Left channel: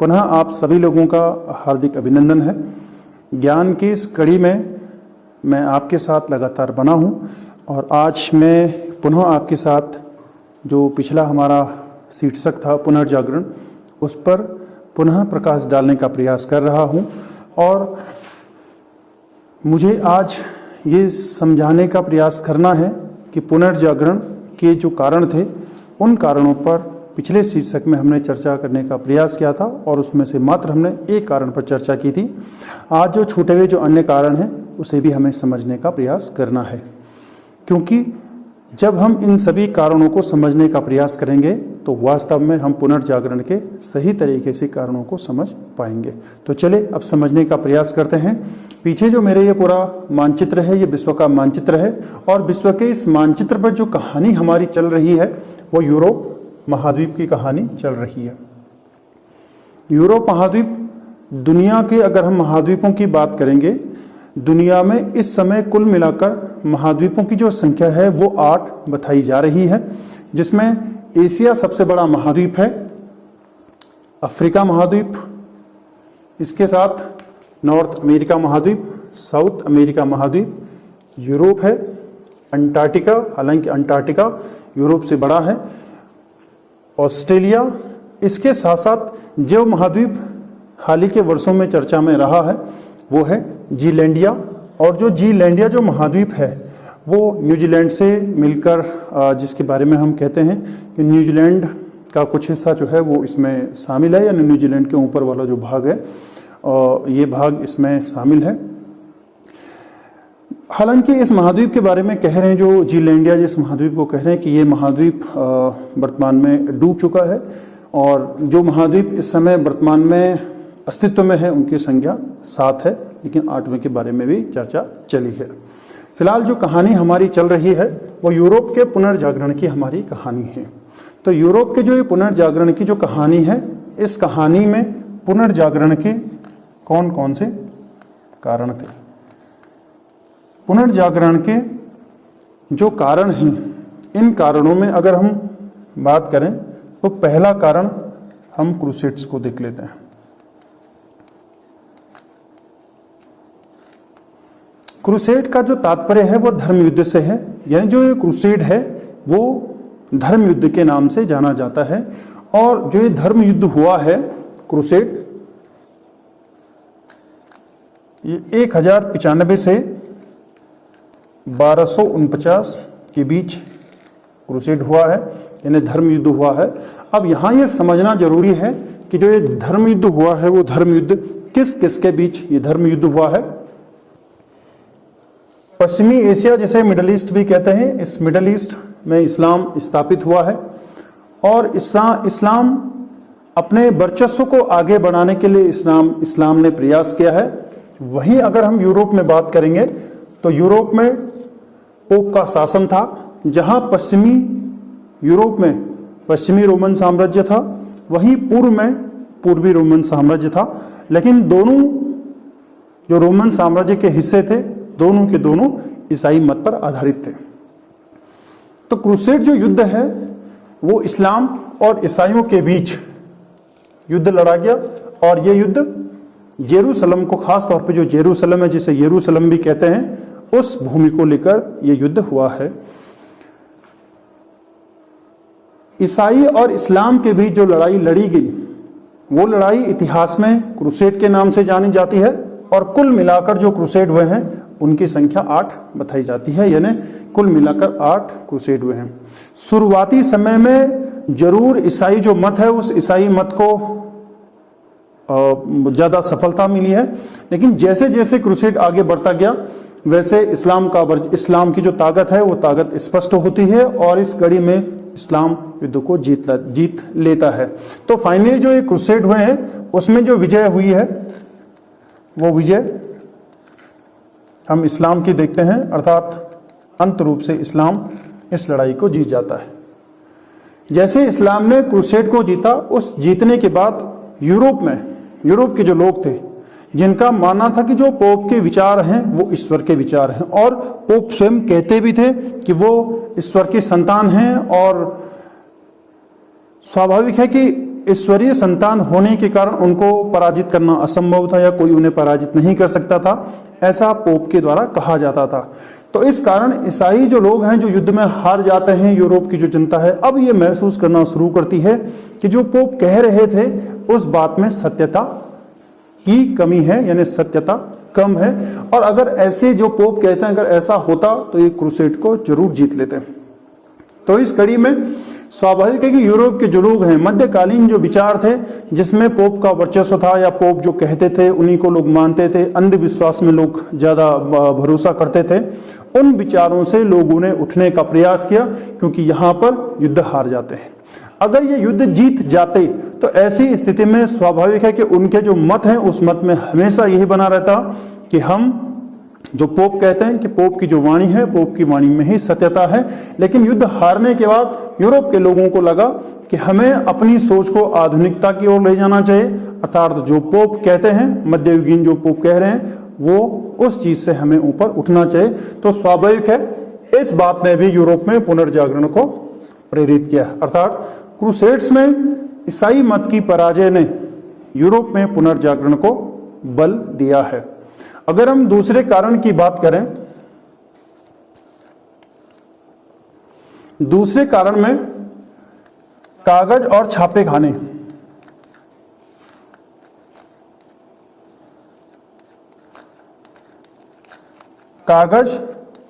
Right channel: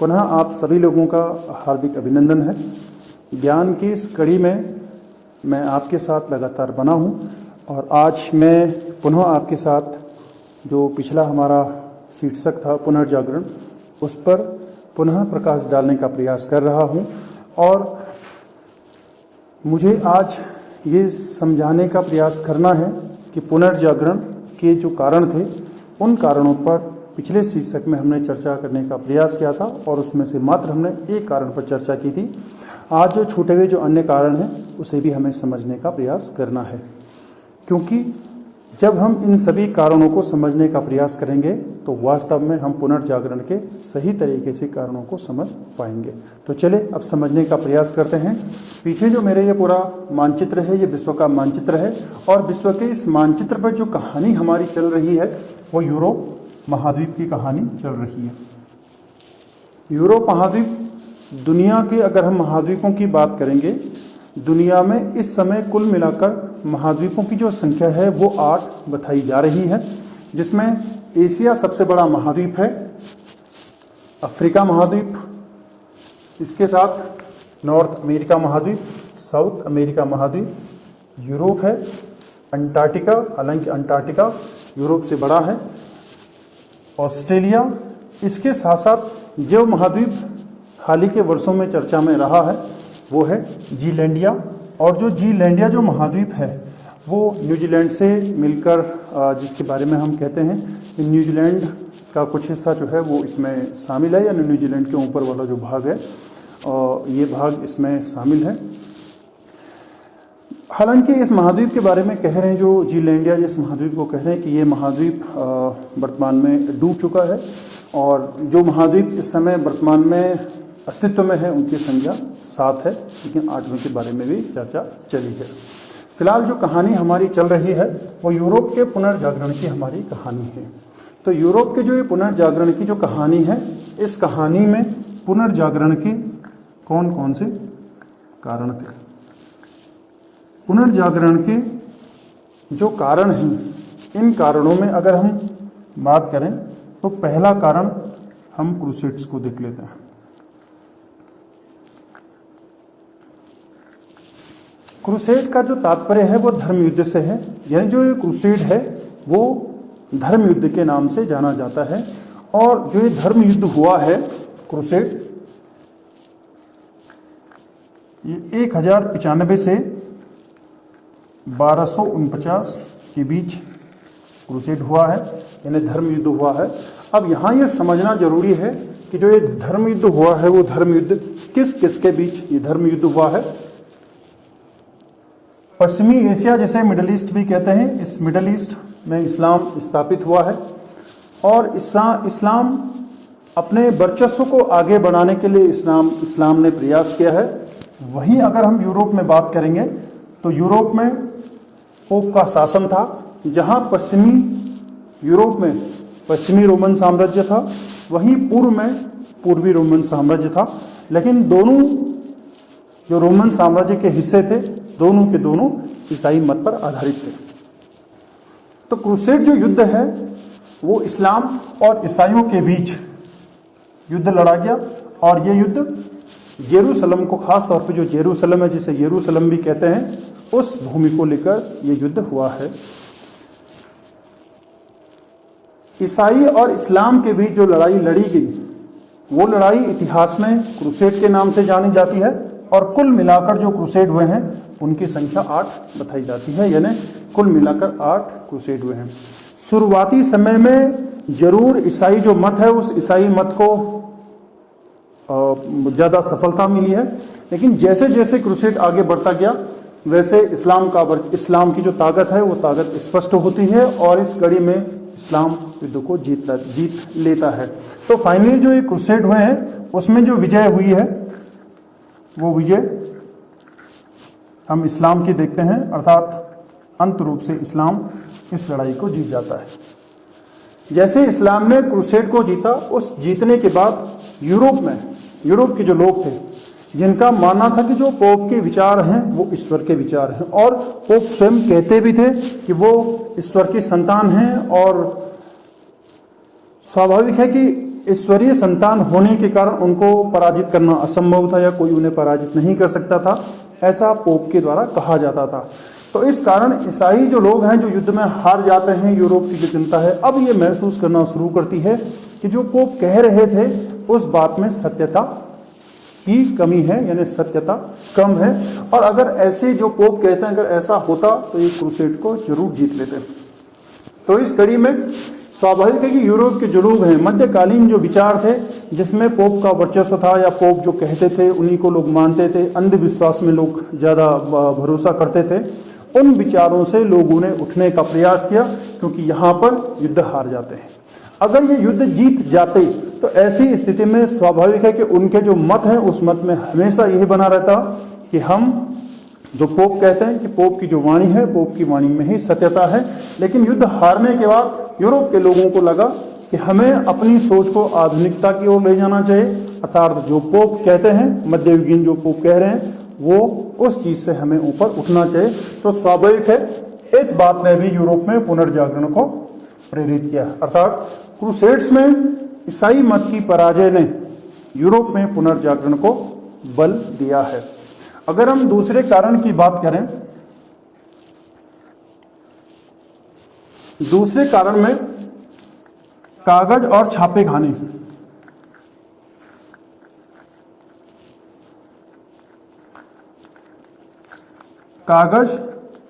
पुनः आप सभी लोगों का हार्दिक अभिनंदन है। ज्ञान की इस कड़ी में मैं आपके साथ लगातार बना हूँ और आज मैं पुनः आपके साथ जो पिछला हमारा शीर्षक था पुनर्जागरण, उस पर पुनः प्रकाश डालने का प्रयास कर रहा हूँ। और मुझे आज ये समझाने का प्रयास करना है कि पुनर्जागरण के जो कारण थे, उन कारणों पर पिछले शीर्षक में हमने चर्चा करने का प्रयास किया था और उसमें से मात्र हमने एक कारण पर चर्चा की थी। आज जो छूटे हुए जो अन्य कारण हैं उसे भी हमें समझने का प्रयास करना है, क्योंकि जब हम इन सभी कारणों को समझने का प्रयास करेंगे तो वास्तव में हम पुनर्जागरण के सही तरीके से कारणों को समझ पाएंगे। तो चले अब समझने का प्रयास करते हैं। पीछे जो मेरे ये पूरा मानचित्र है, ये विश्व का मानचित्र है और विश्व के इस मानचित्र पर जो कहानी हमारी चल रही है वो यूरोप महाद्वीप की कहानी चल रही है। यूरोप महाद्वीप, दुनिया के अगर हम महाद्वीपों की बात करेंगे, दुनिया में इस समय कुल मिलाकर महाद्वीपों की जो संख्या है वो 8 बताई जा रही है, जिसमें एशिया सबसे बड़ा महाद्वीप है, अफ्रीका महाद्वीप, इसके साथ नॉर्थ अमेरिका महाद्वीप, साउथ अमेरिका महाद्वीप, यूरोप है, अंटार्कटिका, हालांकि अंटार्कटिका यूरोप से बड़ा है, ऑस्ट्रेलिया, इसके साथ साथ जो महाद्वीप हाल ही के वर्षों में चर्चा में रहा है वो है जीलैंडिया। और जो जीलैंडिया जो महाद्वीप है वो न्यूजीलैंड से मिलकर, जिसके बारे में हम कहते हैं कि न्यूजीलैंड का कुछ हिस्सा जो है वो इसमें शामिल है, यानी न्यूजीलैंड के ऊपर वाला जो भाग है और ये भाग इसमें शामिल है। हालांकि इस महाद्वीप के बारे में कह रहे हैं, जो जीलैंडिया जिस महाद्वीप को कह रहे हैं कि ये महाद्वीप वर्तमान में डूब चुका है और जो महाद्वीप इस समय वर्तमान में अस्तित्व में है उनकी संख्या 7 है, लेकिन 8वें के बारे में भी चर्चा चली है। फिलहाल जो कहानी हमारी चल रही है वो यूरोप के पुनर्जागरण की हमारी कहानी है। तो यूरोप के जो ये पुनर्जागरण की जो कहानी है, इस कहानी में पुनर्जागरण के कौन कौन से कारण थे? पुनर्जागरण के जो कारण हैं, इन कारणों में अगर हम बात करें तो पहला कारण हम क्रूसेड्स को देख लेते हैं। क्रूसेड का जो तात्पर्य है वो धर्म युद्ध से है, यानी जो ये क्रूसेड है वो धर्म युद्ध के नाम से जाना जाता है। और जो ये धर्म युद्ध हुआ है क्रूसेड, ये 1095 से 1249 के बीच क्रूसेड हुआ है, यानी धर्म युद्ध हुआ है। अब यहाँ ये समझना जरूरी है कि जो ये धर्म युद्ध हुआ है वो धर्म युद्ध किस किस के बीच ये धर्म युद्ध हुआ है। पश्चिमी एशिया, जिसे मिडल ईस्ट भी कहते हैं, इस मिडल ईस्ट में इस्लाम स्थापित हुआ है और इस्लाम अपने वर्चस्व को आगे बढ़ाने के लिए इस्लाम ने प्रयास किया है। वहीं अगर हम यूरोप में बात करेंगे तो यूरोप में पोप का शासन था, जहां पश्चिमी यूरोप में पश्चिमी रोमन साम्राज्य था, वहीं पूर्व में पूर्वी रोमन साम्राज्य था। लेकिन दोनों जो रोमन साम्राज्य के हिस्से थे, दोनों के दोनों ईसाई मत पर आधारित थे। तो क्रूसेड जो युद्ध है वो इस्लाम और ईसाइयों के बीच युद्ध लड़ा गया और ये युद्ध जेरूसलम को, खास तौर पे जो जेरूसलम है, जिसे यरूशलेम भी कहते हैं, उस भूमि को लेकर यह युद्ध हुआ है। ईसाई और इस्लाम के बीच जो लड़ाई लड़ी गई वो लड़ाई इतिहास में क्रूसेड के नाम से जानी जाती है और कुल मिलाकर जो क्रूसेड हुए हैं उनकी संख्या 8 बताई जाती है, यानी कुल मिलाकर 8 क्रूसेड हुए हैं। शुरुआती समय में जरूर ईसाई जो मत है उस ईसाई मत को ज्यादा सफलता मिली है, लेकिन जैसे जैसे क्रूसेड आगे बढ़ता गया वैसे इस्लाम की जो ताकत है वो ताकत स्पष्ट होती है और इस कड़ी में इस्लाम युद्ध को जीत लेता है। तो फाइनली जो ये क्रूसेड हुए हैं उसमें जो विजय हुई है वो विजय हम इस्लाम की देखते हैं, अर्थात अंत रूप से इस्लाम इस लड़ाई को जीत जाता है। जैसे इस्लाम ने क्रूसेड को जीता, उस जीतने के बाद यूरोप के जो लोग थे जिनका मानना था कि जो पोप के विचार हैं वो ईश्वर के विचार हैं, और पोप स्वयं कहते भी थे कि वो ईश्वर की संतान हैं और स्वाभाविक है कि ईश्वरीय संतान होने के कारण उनको पराजित करना असंभव था या कोई उन्हें पराजित नहीं कर सकता था, ऐसा पोप के द्वारा कहा जाता था। तो इस कारण ईसाई जो लोग हैं जो युद्ध में हार जाते हैं, यूरोप की जो जनता है अब ये महसूस करना शुरू करती है कि जो पोप कह रहे थे उस बात में सत्यता की कमी है, यानी सत्यता कम है। और अगर ऐसे जो पोप कहते हैं अगर ऐसा होता तो ये क्रूसेड को जरूर जीत लेते। तो इस कड़ी में स्वाभाविक है कि यूरोप के जो लोग हैं, मध्यकालीन जो विचार थे जिसमें पोप का वर्चस्व था या पोप जो कहते थे उन्हीं को लोग मानते थे, अंधविश्वास में लोग ज्यादा भरोसा करते थे, उन विचारों से लोगों ने उठने का प्रयास किया, क्योंकि यहाँ पर युद्ध हार जाते हैं। अगर ये युद्ध जीत जाते तो ऐसी स्थिति में स्वाभाविक है कि उनके जो मत हैं उस मत में हमेशा यही बना रहता कि हम जो पोप कहते हैं कि पोप की जो वाणी है, पोप की वाणी में ही सत्यता है। लेकिन युद्ध हारने के बाद यूरोप के लोगों को लगा कि हमें अपनी सोच को आधुनिकता की ओर ले जाना चाहिए, अर्थात जो पोप कहते हैं, मध्ययुगीन जो पोप कह रहे हैं वो उस चीज से हमें ऊपर उठना चाहिए। तो स्वाभाविक है इस बात ने भी यूरोप में पुनर्जागरण को प्रेरित किया, अर्थात क्रूसेड्स में ईसाई मत की पराजय ने यूरोप में पुनर्जागरण को बल दिया है। अगर हम दूसरे कारण की बात करें, दूसरे कारण में कागज और छापे खाने, कागज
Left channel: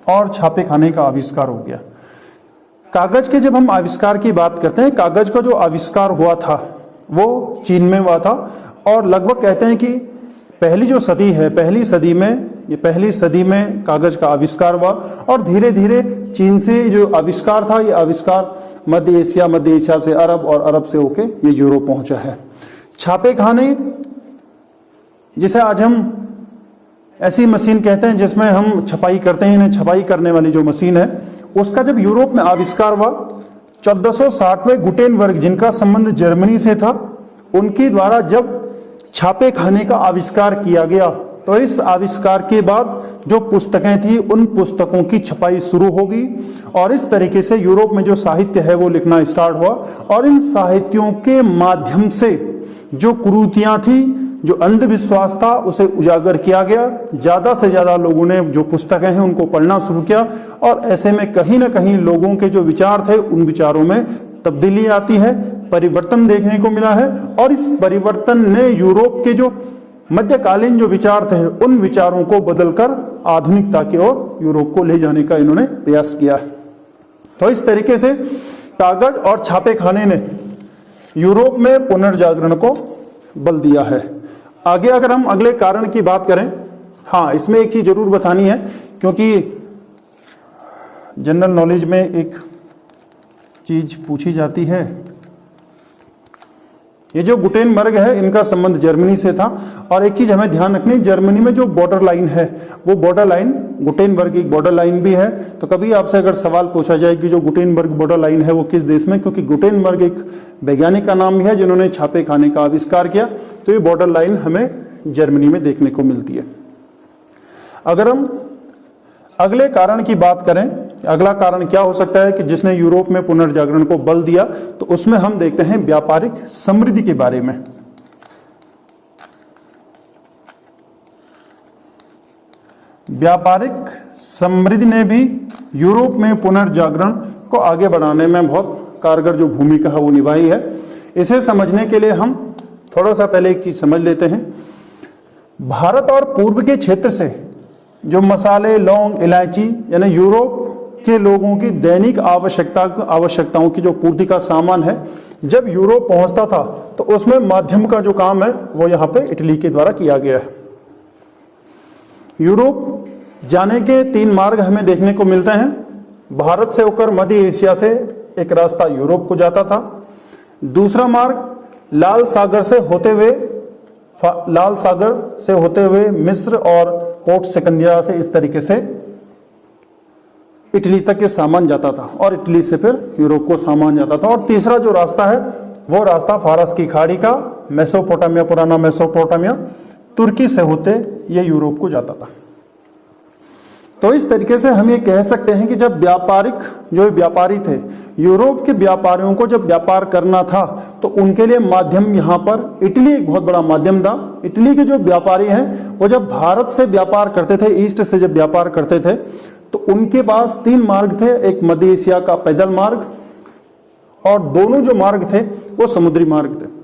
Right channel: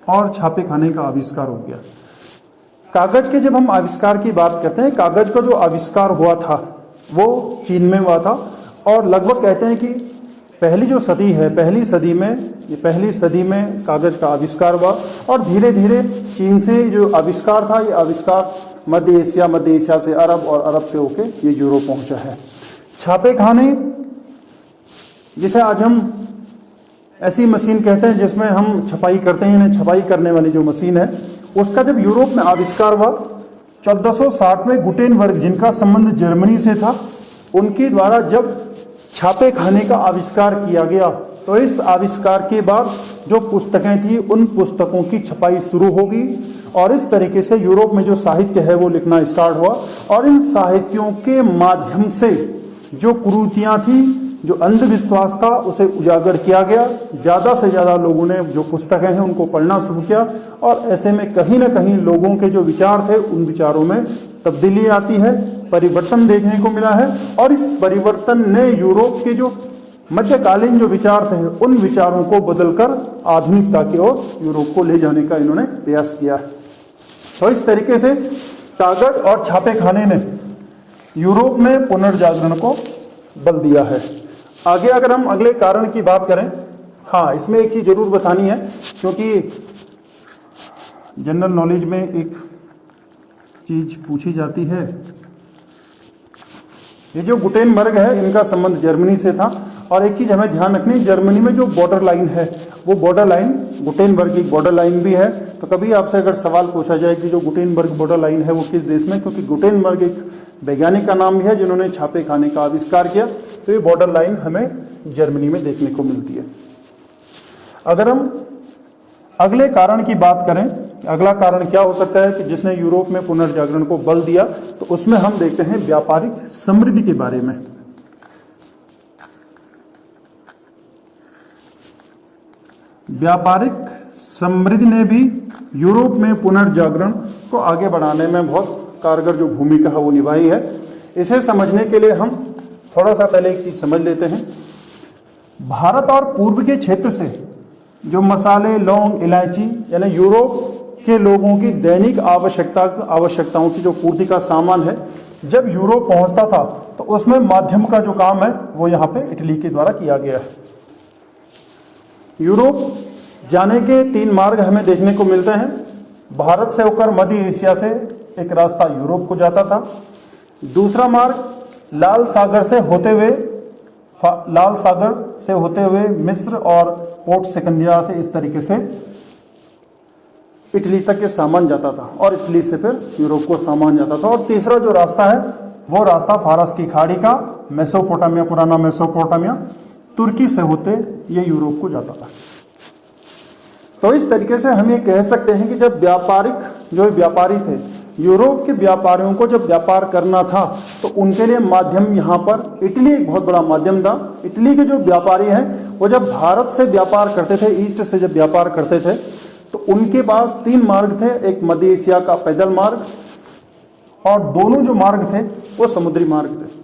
और छापे खाने का आविष्कार हो गया। कागज के जब हम आविष्कार की बात करते हैं, कागज का जो आविष्कार हुआ था वो चीन में हुआ था और लगभग कहते हैं कि पहली जो सदी है, पहली सदी में कागज का आविष्कार हुआ और धीरे धीरे चीन से जो आविष्कार था ये आविष्कार मध्य एशिया से अरब और अरब से होके ये यूरोप पहुंचा है। छापे खाने जिसे आज हम ऐसी मशीन कहते हैं जिसमें हम छपाई करते हैं, छपाई करने वाली जो मशीन है उसका जब यूरोप में आविष्कार हुआ 1460 में गुटेनबर्ग, जिनका संबंध जर्मनी से था, उनके द्वारा जब छापे खाने का आविष्कार किया गया तो इस आविष्कार के बाद जो पुस्तकें थी उन पुस्तकों की छपाई शुरू होगी और इस तरीके से यूरोप में जो साहित्य है वो लिखना स्टार्ट हुआ और इन साहित्यों के माध्यम से जो कुरीतियां थी, जो अंधविश्वास था उसे उजागर किया गया। ज्यादा से ज्यादा लोगों ने जो पुस्तकें हैं उनको पढ़ना शुरू किया और ऐसे में कहीं ना कहीं लोगों के जो विचार थे उन विचारों में तब्दीली आती है, परिवर्तन देखने को मिला है और इस परिवर्तन ने यूरोप के जो मध्यकालीन जो विचार थे उन विचारों को बदलकर आधुनिकता की ओर यूरोप को ले जाने का इन्होंने प्रयास किया है। तो इस तरीके से कागज और छापे खाने ने यूरोप में पुनर्जागरण को बल दिया है। आगे अगर हम अगले कारण की बात करें, हाँ इसमें एक चीज जरूर बतानी है क्योंकि जनरल नॉलेज में एक चीज पूछी जाती है। ये जो गुटेनबर्ग है इनका संबंध जर्मनी से था और एक चीज हमें ध्यान रखनी, जर्मनी में जो बॉर्डर लाइन है वो बॉर्डर लाइन गुटेनबर्ग की बॉर्डर लाइन भी है। तो कभी आपसे अगर सवाल पूछा जाए कि जो गुटेनबर्ग बॉर्डर लाइन है वो किस देश में, क्योंकि गुटेनबर्ग एक वैज्ञानिक का नाम भी है जिन्होंने छापे खाने का आविष्कार किया, तो ये बॉर्डर लाइन हमें जर्मनी में देखने को मिलती है। अगर हम अगले कारण की बात करें, अगला कारण क्या हो सकता है कि जिसने यूरोप में पुनर्जागरण को बल दिया, तो उसमें हम देखते हैं व्यापारिक समृद्धि के बारे में। व्यापारिक समृद्धि ने भी यूरोप में पुनर्जागरण को आगे बढ़ाने में बहुत कारगर जो भूमिका है वो निभाई है। इसे समझने के लिए हम थोड़ा सा पहले एक चीज समझ लेते हैं। भारत और पूर्व के क्षेत्र से जो मसाले, लौंग, इलायची यानी यूरोप के लोगों की दैनिक आवश्यकताओं की जो पूर्ति का सामान है, जब यूरोप पहुंचता था तो उसमें माध्यम का जो काम है वो यहाँ पे इटली के द्वारा किया गया है। यूरोप जाने के 3 मार्ग हमें देखने को मिलते हैं। भारत से होकर मध्य एशिया से एक रास्ता यूरोप को जाता था, दूसरा मार्ग लाल सागर से होते हुए मिस्र और पोर्ट सिकंदरिया से इस तरीके से इटली तक ये सामान जाता था और इटली से फिर यूरोप को सामान जाता था। और तीसरा जो रास्ता है वो रास्ता फारस की खाड़ी का, मेसोपोटामिया, पुराना मेसोपोटामिया, तुर्की से होते ये यूरोप को जाता था। तो इस तरीके से हम ये कह सकते हैं कि जब व्यापारी थे यूरोप के व्यापारियों को जब व्यापार करना था तो उनके लिए माध्यम यहाँ पर इटली एक बहुत बड़ा माध्यम था। इटली के जो व्यापारी हैं वो जब भारत से व्यापार करते थे, ईस्ट से जब व्यापार करते थे, तो उनके पास 3 मार्ग थे। एक मध्य एशिया का पैदल मार्ग, और दोनों जो मार्ग थे वो समुद्री मार्ग थे।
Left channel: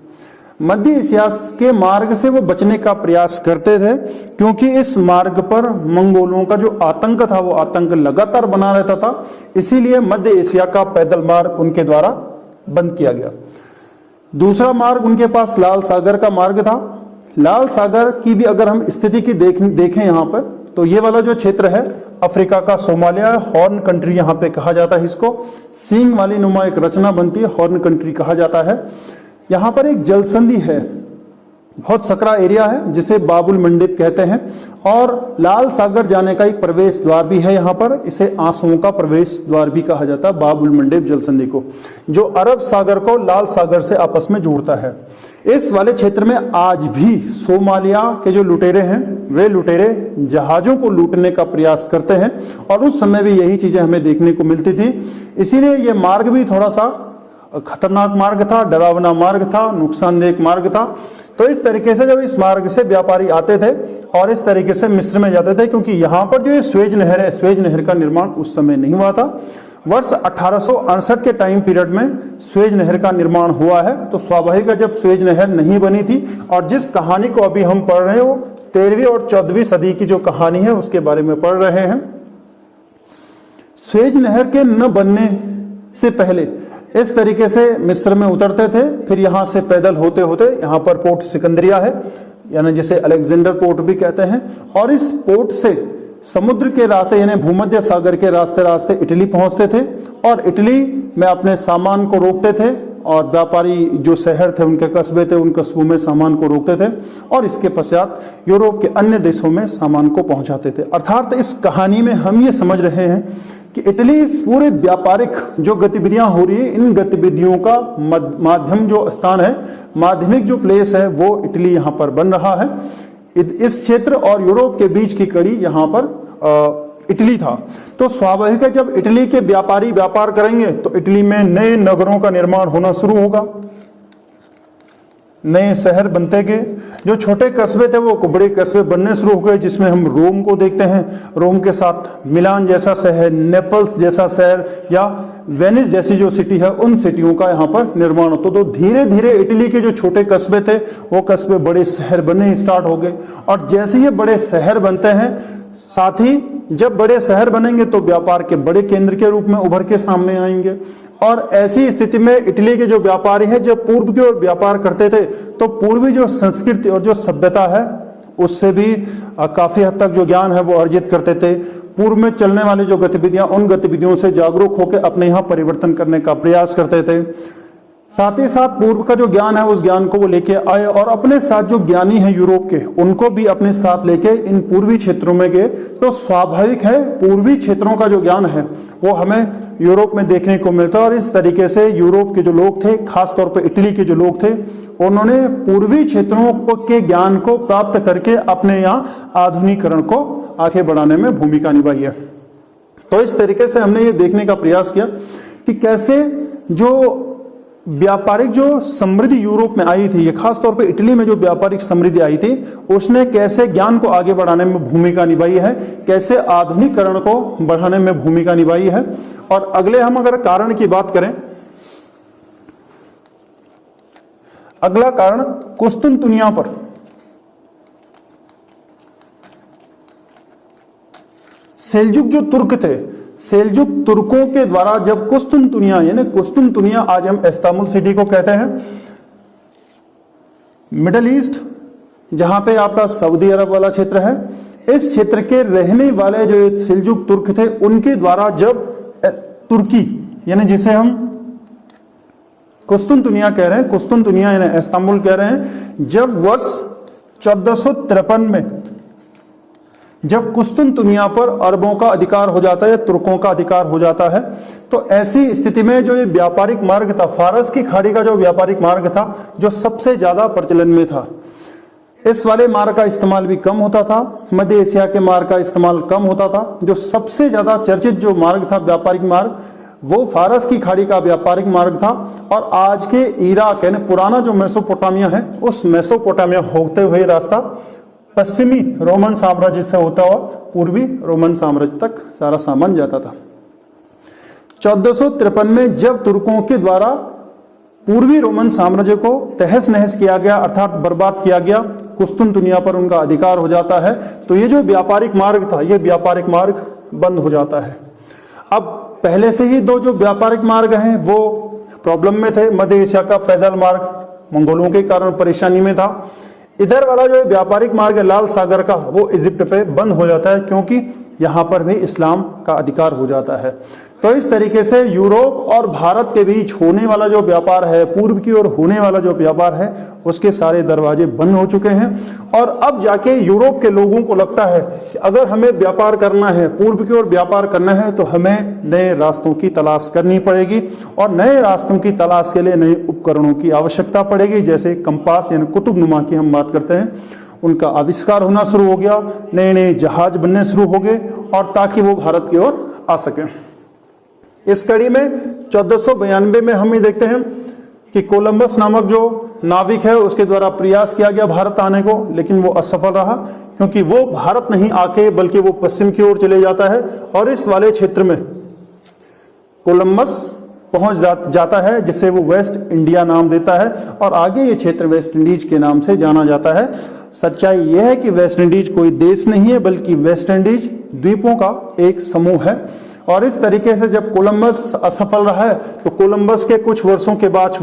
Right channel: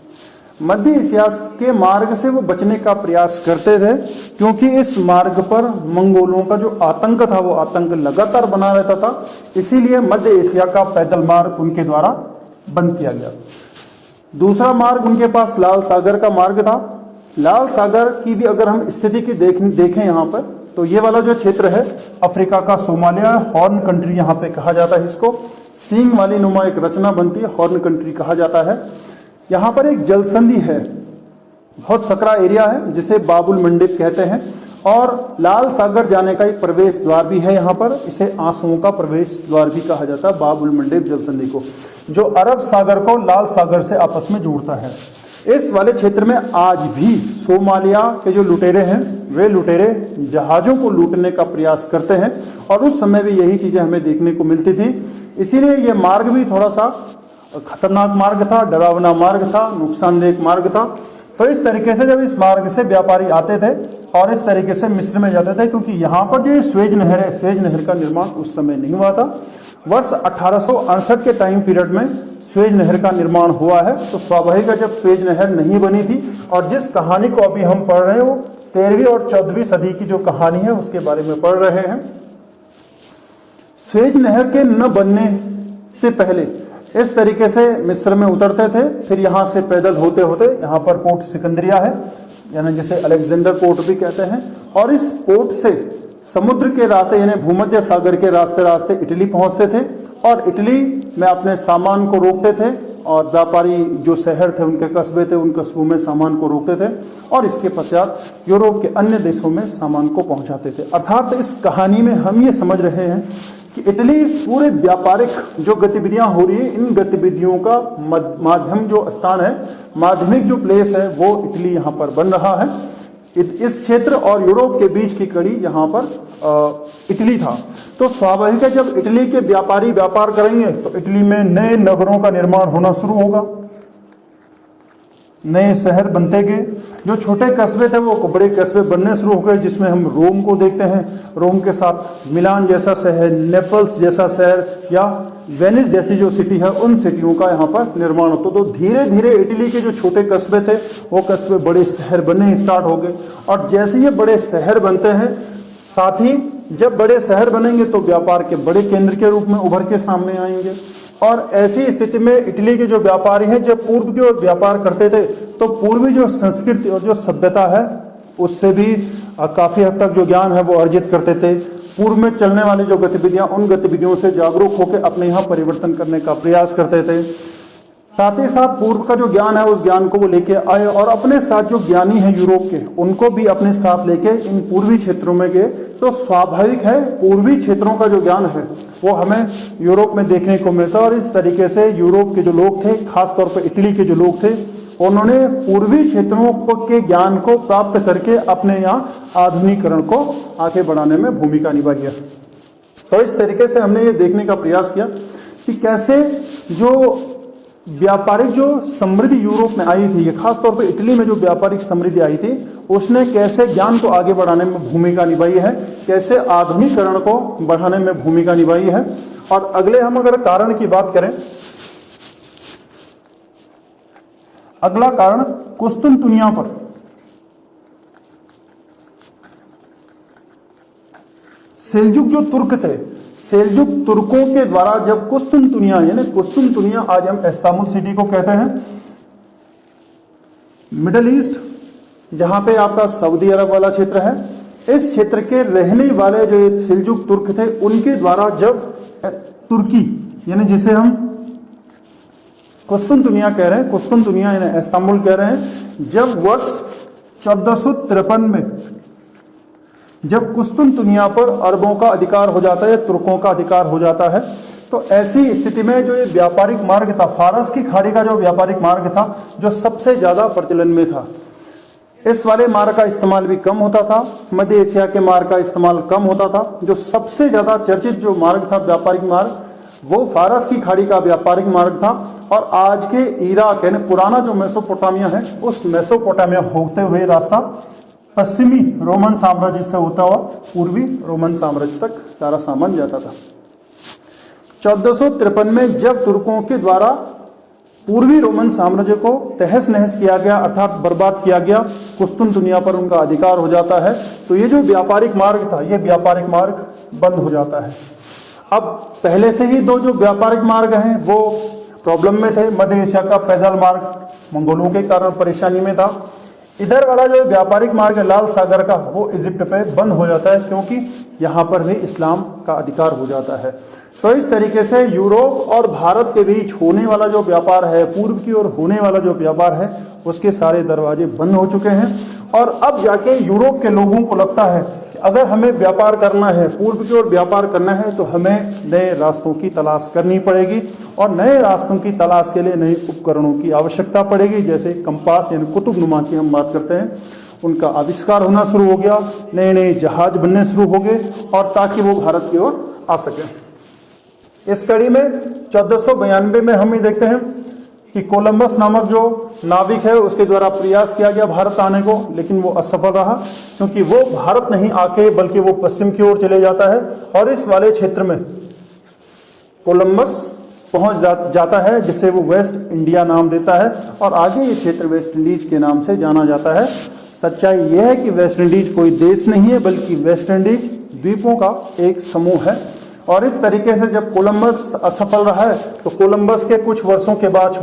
मध्य एशिया के मार्ग से वो बचने का प्रयास करते थे, क्योंकि इस मार्ग पर मंगोलों का जो आतंक था वो आतंक लगातार बना रहता था। इसीलिए मध्य एशिया का पैदल मार्ग उनके द्वारा बंद किया गया। दूसरा मार्ग उनके पास लाल सागर का मार्ग था। लाल सागर की भी अगर हम स्थिति की देखें यहाँ पर, तो ये वाला जो क्षेत्र है अफ्रीका का सोमालिया, हॉर्न कंट्री यहाँ पे कहा जाता है इसको। सींग वाली नुमा एक रचना बनती है, हॉर्न कंट्री कहा जाता है। यहाँ पर एक जलसंधि है, बहुत सकरा एरिया है जिसे बाबुल मंडप कहते हैं, और लाल सागर जाने का एक प्रवेश द्वार भी है यहाँ पर। इसे आंसुओं का प्रवेश द्वार भी कहा जाता है, बाबुल मंडप जलसंधि को, जो अरब सागर को लाल सागर से आपस में जोड़ता है। इस वाले क्षेत्र में आज भी सोमालिया के जो लुटेरे हैं वे लुटेरे जहाजों को लूटने का प्रयास करते हैं, और उस समय भी यही चीजें हमें देखने को मिलती थी। इसीलिए ये मार्ग भी थोड़ा सा खतरनाक मार्ग था, डरावना मार्ग था, नुकसानदेह मार्ग था। तो इस तरीके से जब इस मार्ग से व्यापारी आते थे और इस तरीके से मिस्र में जाते थे, क्योंकि यहाँ पर जो स्वेज नहर है, स्वेज नहर का निर्माण उस समय नहीं हुआ था। वर्ष 1868 के टाइम पीरियड में स्वेज नहर का निर्माण हुआ है। तो स्वाभाविक है जब स्वेज नहर नहीं बनी थी, और जिस कहानी को अभी हम पढ़ रहे हैं वो 13वीं और 14वीं सदी की जो कहानी है उसके बारे में पढ़ रहे हैं। स्वेज नहर के न बनने से पहले इस तरीके से मिस्र में उतरते थे, फिर यहां से पैदल होते होते यहाँ पर पोर्ट सिकंदरिया है, यानी जिसे अलेक्जेंडर पोर्ट भी कहते हैं, और इस पोर्ट से समुद्र के रास्ते यानी भूमध्य सागर के रास्ते रास्ते इटली पहुंचते थे, और इटली में अपने सामान को रोकते थे, और व्यापारी जो शहर थे उनके कस्बे थे, उन कस्बों में सामान को रोकते थे, और इसके पश्चात यूरोप के अन्य देशों में सामान को पहुंचाते थे। अर्थात इस कहानी में हम ये समझ रहे हैं कि इटली इस पूरे व्यापारिक जो गतिविधियां हो रही है, इन गतिविधियों का माध्यम जो स्थान है, माध्यमिक जो प्लेस है, वो इटली यहाँ पर बन रहा है। इस क्षेत्र और यूरोप के बीच की कड़ी यहाँ पर इटली था। तो स्वाभाविक है जब इटली के व्यापारी व्यापार करेंगे तो इटली में नए नगरों का निर्माण होना शुरू होगा, नए शहर बनते गए। जो छोटे कस्बे थे वो बड़े कस्बे बनने शुरू हो गए, जिसमें हम रोम को देखते हैं। रोम के साथ मिलान जैसा शहर, नेपल्स जैसा शहर, या वेनिस जैसी जो सिटी है, उन सिटियों का यहाँ पर निर्माण होता। तो धीरे धीरे इटली के जो छोटे कस्बे थे वो कस्बे बड़े शहर बनने स्टार्ट हो गए, और जैसे ये बड़े शहर बनते हैं, साथ ही जब बड़े शहर बनेंगे तो व्यापार के बड़े केंद्र के रूप में उभर के सामने आएंगे। और ऐसी स्थिति में इटली के जो व्यापारी हैं, जब पूर्व के व्यापार करते थे तो पूर्वी जो संस्कृति और जो सभ्यता है उससे भी काफी हद तक जो ज्ञान है वो अर्जित करते थे। पूर्व में चलने वाली जो गतिविधियां, उन गतिविधियों से जागरूक होकर अपने यहाँ परिवर्तन करने का प्रयास करते थे। साथ ही साथ पूर्व का जो ज्ञान है उस ज्ञान को वो लेके आए, और अपने साथ जो ज्ञानी हैं यूरोप के, उनको भी अपने साथ लेके इन पूर्वी क्षेत्रों में गए। तो स्वाभाविक है पूर्वी क्षेत्रों का जो ज्ञान है वो हमें यूरोप में देखने को मिलता है, और इस तरीके से यूरोप के जो लोग थे, खासतौर पर इटली के जो लोग थे, उन्होंने पूर्वी क्षेत्रों के ज्ञान को प्राप्त करके अपने यहाँ आधुनिकीकरण को आगे बढ़ाने में भूमिका निभाई है। तो इस तरीके से हमने ये देखने का प्रयास किया कि कैसे जो व्यापारिक जो समृद्धि यूरोप में आई थी, ये खासतौर पे इटली में जो व्यापारिक समृद्धि आई थी, उसने कैसे ज्ञान को आगे बढ़ाने में भूमिका निभाई है, कैसे आधुनिकीकरण को बढ़ाने में भूमिका निभाई है। और अगले हम अगर कारण की बात करें, अगला कारण कुस्तुनतुनिया पर सेल्जुक जो तुर्क थे, सेल्जुक तुर्कों के द्वारा जब कुस्तुनतुनिया, यानी कुस्तुनतुनिया आज हम इस्तांबुल सिटी को कहते हैं, मिडल ईस्ट जहां पे आपका सऊदी अरब वाला क्षेत्र है, इस क्षेत्र के रहने वाले जो सेल्जुक तुर्क थे उनके द्वारा जब तुर्की, यानी जिसे हम कुस्तुनतुनिया कह रहे हैं, कुस्तुनतुनिया यानी इस्तांबुल कह रहे हैं, जब वर्ष 1453 में जब कुस्तुनतुनिया पर अरबों का अधिकार हो जाता है, तुर्कों का अधिकार हो जाता है, तो ऐसी स्थिति में जो ये व्यापारिक मार्ग था, फारस की खाड़ी का जो व्यापारिक मार्ग था, जो सबसे ज्यादा प्रचलन में था, इस वाले मार्ग का इस्तेमाल भी कम होता था, मध्य एशिया के मार्ग का इस्तेमाल कम होता था। जो सबसे ज्यादा चर्चित जो मार्ग था व्यापारिक मार्ग, वो फारस की खाड़ी का व्यापारिक मार्ग था और आज के इराक यानी पुराना जो मेसोपोटामिया है उस मेसोपोटामिया होते हुए रास्ता पश्चिमी रोमन साम्राज्य से होता हुआ पूर्वी रोमन साम्राज्य तक सारा सामान जाता था। 1453 में जब तुर्कों के द्वारा पूर्वी रोमन साम्राज्य को तहस नहस किया गया अर्थात बर्बाद किया गया, कुस्तुनतुनिया पर उनका अधिकार हो जाता है, तो ये जो व्यापारिक मार्ग था ये व्यापारिक मार्ग बंद हो जाता है। अब पहले से ही दो जो व्यापारिक मार्ग हैं वो प्रॉब्लम में थे। मध्य एशिया का पैदल मार्ग मंगोलों के कारण परेशानी में था। इधर वाला जो व्यापारिक मार्ग है लाल सागर का वो इजिप्ट पे बंद हो जाता है क्योंकि यहाँ पर भी इस्लाम का अधिकार हो जाता है। तो इस तरीके से यूरोप और भारत के बीच होने वाला जो व्यापार है, पूर्व की ओर होने वाला जो व्यापार है, उसके सारे दरवाजे बंद हो चुके हैं। और अब जाके यूरोप के लोगों को लगता है कि अगर हमें व्यापार करना है, पूर्व की ओर व्यापार करना है, तो हमें नए रास्तों की तलाश करनी पड़ेगी और नए रास्तों की तलाश के लिए नए उपकरणों की आवश्यकता पड़ेगी। जैसे कंपास यानी कुतुबनुमा की हम बात करते हैं, उनका आविष्कार होना शुरू हो गया, नए नए जहाज बनने शुरू हो गए और ताकि वो भारत की ओर आ सके। इस कड़ी में 1492 में हम ये देखते हैं कि कोलंबस नामक जो नाविक है उसके द्वारा प्रयास किया गया भारत आने को, लेकिन वो असफल रहा क्योंकि वो भारत नहीं आके बल्कि वो पश्चिम की ओर चले जाता है और इस वाले क्षेत्र में कोलंबस पहुंच जाता है जिसे वो वेस्ट इंडिया नाम देता है और आगे ये क्षेत्र वेस्ट इंडीज के नाम से जाना जाता है। सच्चाई यह है कि वेस्ट इंडीज कोई देश नहीं है बल्कि वेस्ट इंडीज द्वीपों का एक समूह है। और इस तरीके से जब कोलंबस असफल रहा है तो कोलंबस के कुछ वर्षों के बाद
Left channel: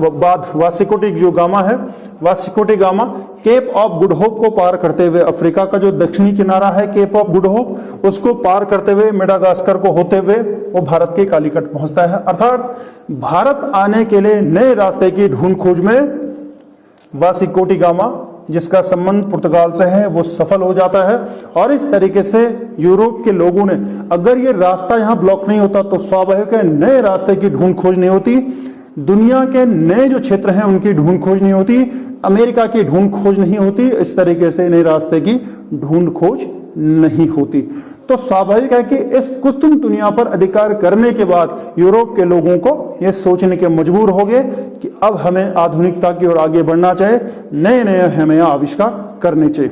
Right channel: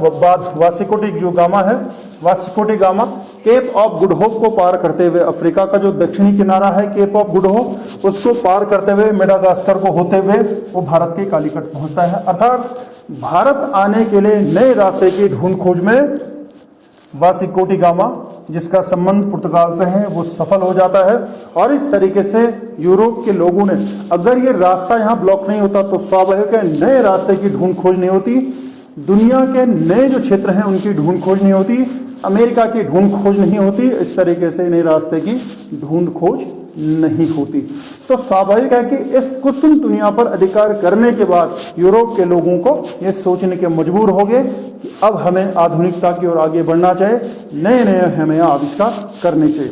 वास्को डी गामा है, Vasco da Gama Cape of Good Hope को पार करते हुए अफ्रीका का जो दक्षिणी किनारा है केप ऑफ गुड होप उसको पार करते हुए मेडागास्कर को होते हुए वो भारत के कालीकट पहुंचता है। अर्थात भारत आने के लिए नए रास्ते की ढूंढ खोज में वास्को डी गामा जिसका संबंध पुर्तगाल से है वो सफल हो जाता है। और इस तरीके से यूरोप के लोगों ने अगर ये रास्ता यहाँ ब्लॉक नहीं होता तो स्वाभाविक है नए रास्ते की ढूंढ खोज नहीं होती, दुनिया के नए जो क्षेत्र हैं उनकी ढूंढ खोज नहीं होती, अमेरिका की ढूंढ खोज नहीं होती, इस तरीके से नए रास्ते की ढूंढ खोज नहीं होती। तो स्वाभाविक है कि इस कुस्तुनतुनिया पर अधिकार करने के बाद यूरोप के लोगों को ये सोचने के मजबूर हो गए कि अब हमें आधुनिकता की ओर आगे बढ़ना चाहिए, नए नए हमें आविष्कार करने चाहिए।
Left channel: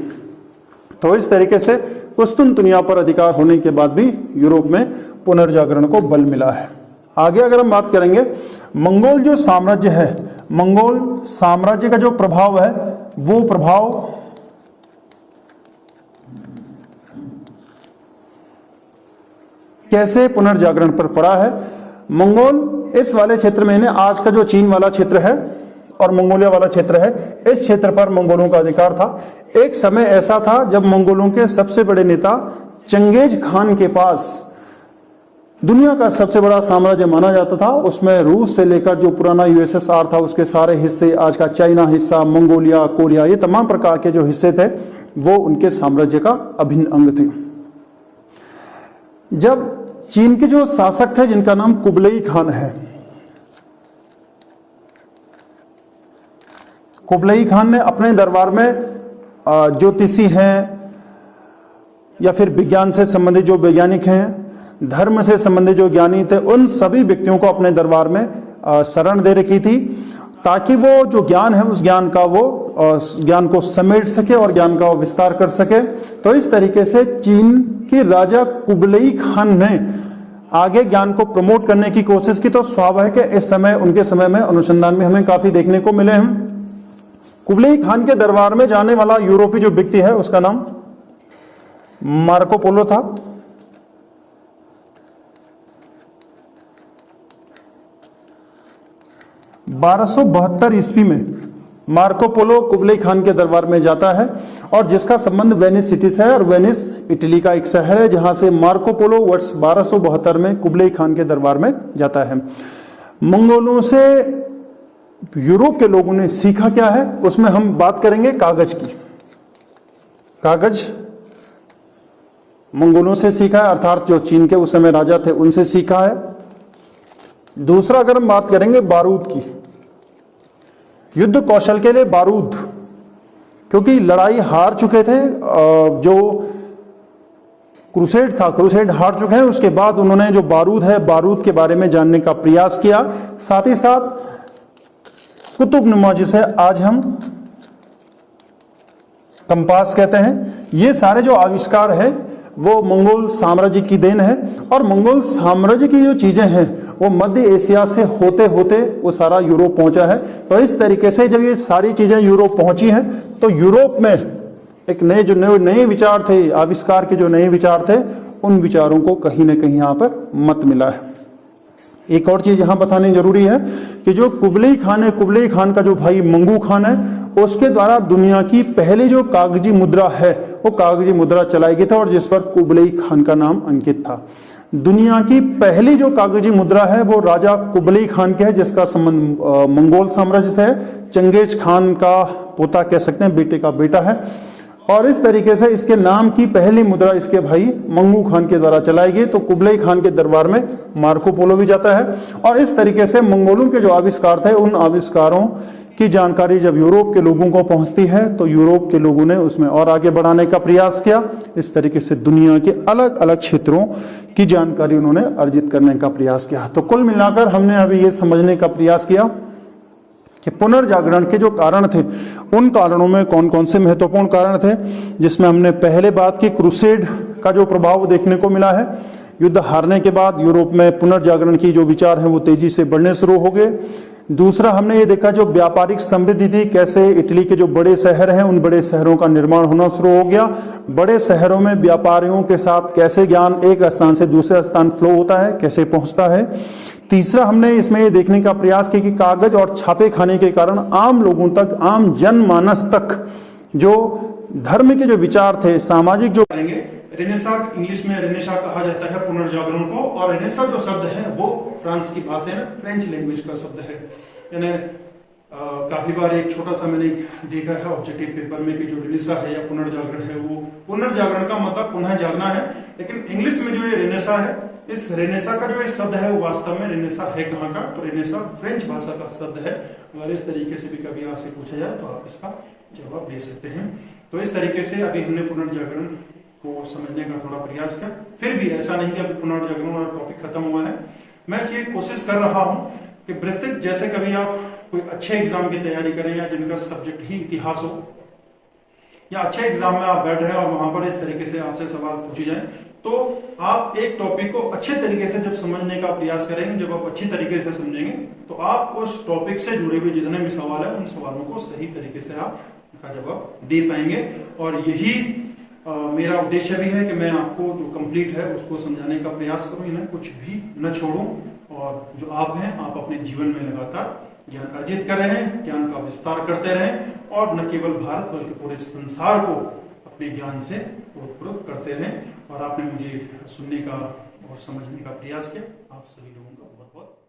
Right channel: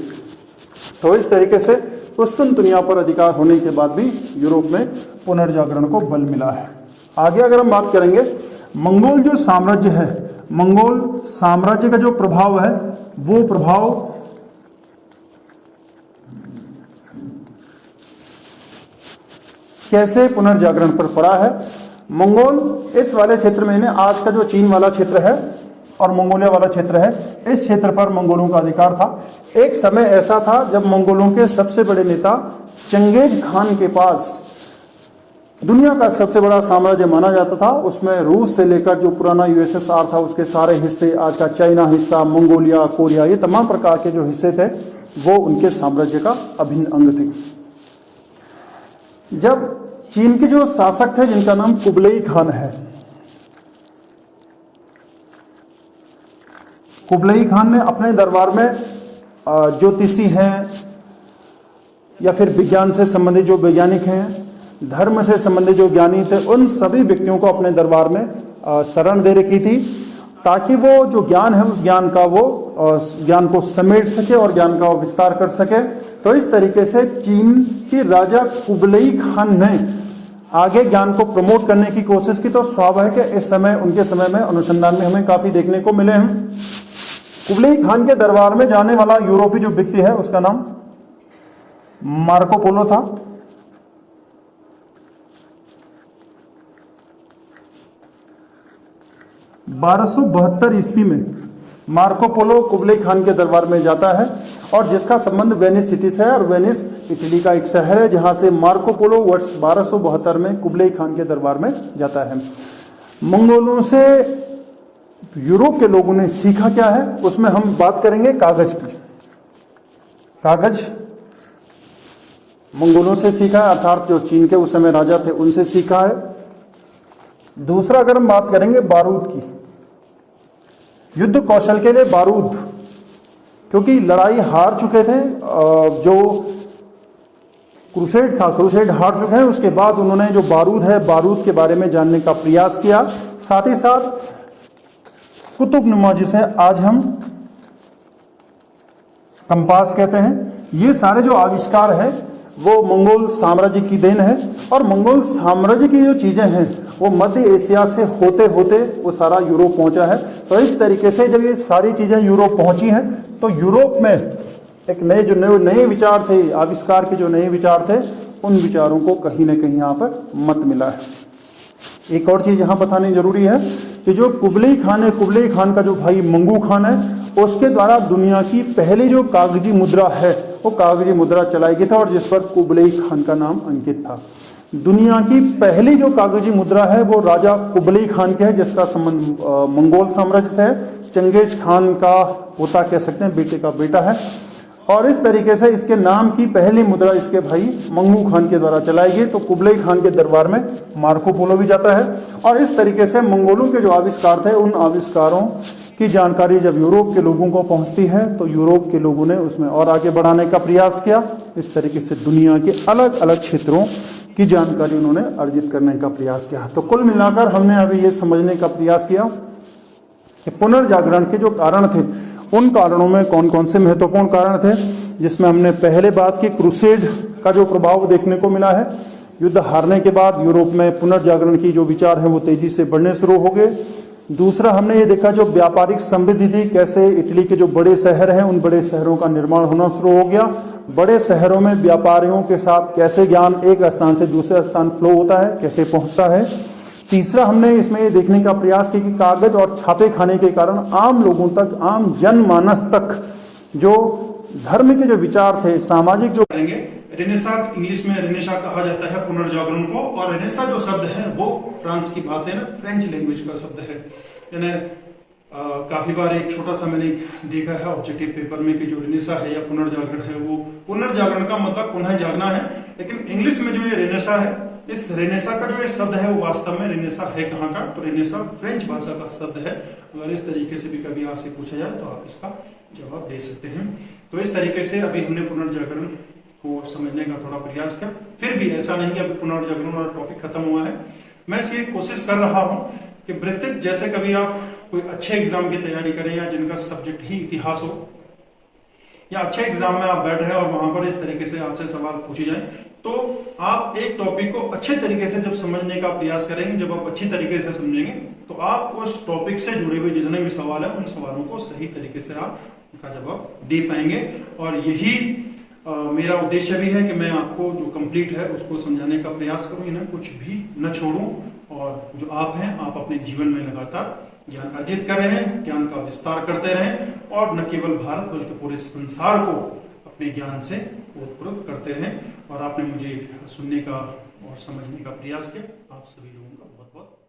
तो इस तरीके से कुस्तुनतुनिया पर अधिकार होने के बाद भी यूरोप में पुनर्जागरण को बल मिला है। आगे अगर हम बात करेंगे मंगोल जो साम्राज्य है, मंगोल साम्राज्य का जो प्रभाव है वो प्रभाव कैसे पुनर्जागरण पर पड़ा है। मंगोल इस वाले क्षेत्र में आज का जो चीन वाला क्षेत्र है और मंगोलिया वाला क्षेत्र है, इस क्षेत्र पर मंगोलों का अधिकार था। एक समय ऐसा था जब मंगोलों के सबसे बड़े नेता चंगेज खान के पास दुनिया का सबसे बड़ा साम्राज्य माना जाता था। उसमें रूस से लेकर जो पुराना यूएसएसआर था उसके सारे हिस्से, आज का चाइना हिस्सा, मंगोलिया, कोरिया, ये तमाम प्रकार के जो हिस्से थे वो उनके साम्राज्य का अभिन्न अंग थे। जब चीन के जो शासक थे जिनका नाम कुबलई खान है, कुबलई खान ने अपने दरबार में ज्योतिषी हैं या फिर विज्ञान से संबंधित जो वैज्ञानिक हैं, धर्म से संबंधित जो ज्ञानी थे, उन सभी व्यक्तियों को अपने दरबार में शरण दे रखी थी ताकि वो जो ज्ञान है उस ज्ञान का वो ज्ञान को समेट सके और ज्ञान का विस्तार कर सके। तो इस तरीके से चीन के राजा कुबलई खान ने आगे ज्ञान को प्रमोट करने की कोशिश की। तो स्वाभाविक है इस समय उनके समय में अनुसंधान में हमें काफी देखने को मिले हैं। कुबलई खान के दरबार में जाने वाला यूरोपीय जो व्यक्ति है उसका नाम मार्को पोलो था। (1272 ईस्वी में मार्को पोलो कुबलई खान के दरबार में जाता है और जिसका संबंध वेनिस सिटी से है और वेनिस इटली का एक शहर है जहां से मार्को पोलो वर्ष 1272 में कुबलई खान के दरबार में जाता है। मंगोलों से यूरोप के लोगों ने सीखा क्या है उसमें हम बात करेंगे कागज की। कागज मंगोलों से सीखा है, अर्थात जो चीन के उस समय राजा थे उनसे सीखा है। दूसरा अगर हम बात करेंगे बारूद की, युद्ध कौशल के लिए बारूद, क्योंकि लड़ाई हार चुके थे जो क्रूसेड था, क्रूसेड हार चुके हैं। उसके बाद उन्होंने जो बारूद है, बारूद के बारे में जानने का प्रयास किया। साथ ही साथ कुतुबनुमा, जिसे आज हम कंपास कहते हैं, ये सारे जो आविष्कार है वो मंगोल साम्राज्य की देन है। और मंगोल साम्राज्य की जो चीजें हैं वो मध्य एशिया से होते होते वो सारा यूरोप पहुंचा है। तो इस तरीके से जब ये सारी चीजें यूरोप पहुंची हैं तो यूरोप में एक नए विचार थे, आविष्कार के जो नए विचार थे, उन विचारों को कहीं ना कहीं यहाँ पर मत मिला है। एक और चीज यहाँ बतानी जरूरी है कि जो कुबलई खान है, कुबलई खान का जो भाई मंगू खान है, उसके द्वारा दुनिया की पहली जो कागजी मुद्रा है वो कागजी मुद्रा चलाई गई था और जिस पर कुबलई खान का नाम अंकित था। दुनिया की पहली जो कागजी मुद्रा है वो राजा कुबलई खान की है, जिसका संबंध मंगोल साम्राज्य से है। चंगेज खान का पोता कह सकते हैं, बेटे का बेटा है। और इस तरीके से इसके नाम की पहली मुद्रा इसके भाई मंगू खान के द्वारा चलाई गई। तो कुबलई खान के दरबार में मार्को पोलो भी जाता है। और इस तरीके से मंगोलों के जो आविष्कार थे, उन आविष्कारों की जानकारी जब यूरोप के लोगों को पहुंचती है तो यूरोप के लोगों ने उसमें और आगे बढ़ाने का प्रयास किया। इस तरीके से दुनिया के अलग अलग क्षेत्रों की जानकारी उन्होंने अर्जित करने का प्रयास किया। तो कुल मिलाकर हमने अभी ये समझने का प्रयास किया कि पुनर्जागरण के जो कारण थे, उन कारणों में कौन कौन से महत्वपूर्ण कारण थे, जिसमें हमने पहले बात की क्रूसेड का जो प्रभाव देखने को मिला है। युद्ध हारने के बाद यूरोप में पुनर्जागरण की जो विचार है वो तेजी से बढ़ने शुरू हो गए। दूसरा, हमने ये देखा जो व्यापारिक समृद्धि थी, कैसे इटली के जो बड़े शहर हैं उन बड़े शहरों का निर्माण होना शुरू हो गया। बड़े शहरों में व्यापारियों के साथ कैसे ज्ञान एक स्थान से दूसरे स्थान फ्लो होता है, कैसे पहुंचता है। तीसरा, हमने इसमें ये देखने का प्रयास किया कि कागज और छापे खाने के कारण आम लोगों तक, आम जनमानस तक जो धर्म के जो विचार थे, सामाजिक जो करेंगे, रेनेसा, इंग्लिश में रेनेसा कहा जाता है पुनर्जागरण को। और रेनेसा जो शब्द है वो फ्रांस की भाषा है ना, फ्रेंच लैंग्वेज का शब्द है। यानी काफी बार एक छोटा सा मैंने देखा है ऑब्जेक्टिव पेपर में कि जो रेनेसा है या पुनर्जागरण है, वो पुनर्जागरण का मतलब पुनः जागना है। लेकिन इंग्लिश में जो ये रेनेसा है, इस रेनेसा का जो एक शब्द है वो वास्तव में रेनेसा है कहाँ का, तो रेनेसा फ्रेंच भाषा का शब्द है। अगर इस तरीके से भी कभी आपसे पूछा जाए तो आप इसका जवाब दे सकते हैं। तो इस तरीके से अभी हमने पुनर्जागरण को समझने का थोड़ा प्रयास किया। फिर भी ऐसा नहीं कि अभी पुनर्जागरण वाला टॉपिक खत्म हुआ है। मैं ये कोशिश कर रहा हूँ कि विस्तृत, जैसे कभी आप कोई अच्छे एग्जाम की तैयारी करें या जिनका सब्जेक्ट ही इतिहास हो, या अच्छे एग्जाम में आप बैठ रहे हैं और वहां पर इस तरीके से आपसे सवाल पूछे जाए, तो आप एक टॉपिक को अच्छे तरीके से जब समझने का प्रयास करेंगे, जब आप अच्छी तरीके से समझेंगे तो आप उस टॉपिक से जुड़े हुए जितने भी सवाल है उन सवालों को सही तरीके से आप उनका जवाब दे पाएंगे। और यही मेरा उद्देश्य भी है कि मैं आपको जो कंप्लीट है उसको समझाने का प्रयास करूं, इन्हें कुछ भी न छोड़ूं। और जो आप हैं, आप अपने जीवन में लगातार ज्ञान अर्जित कर रहे हैं, ज्ञान का विस्तार करते रहें और न केवल भारत बल्कि पूरे संसार को अपने ज्ञान से ओतप्रोत करते रहें। और आपने मुझे सुनने का और समझने का प्रयास किया, आप सभी लोगों का बहुत बहुत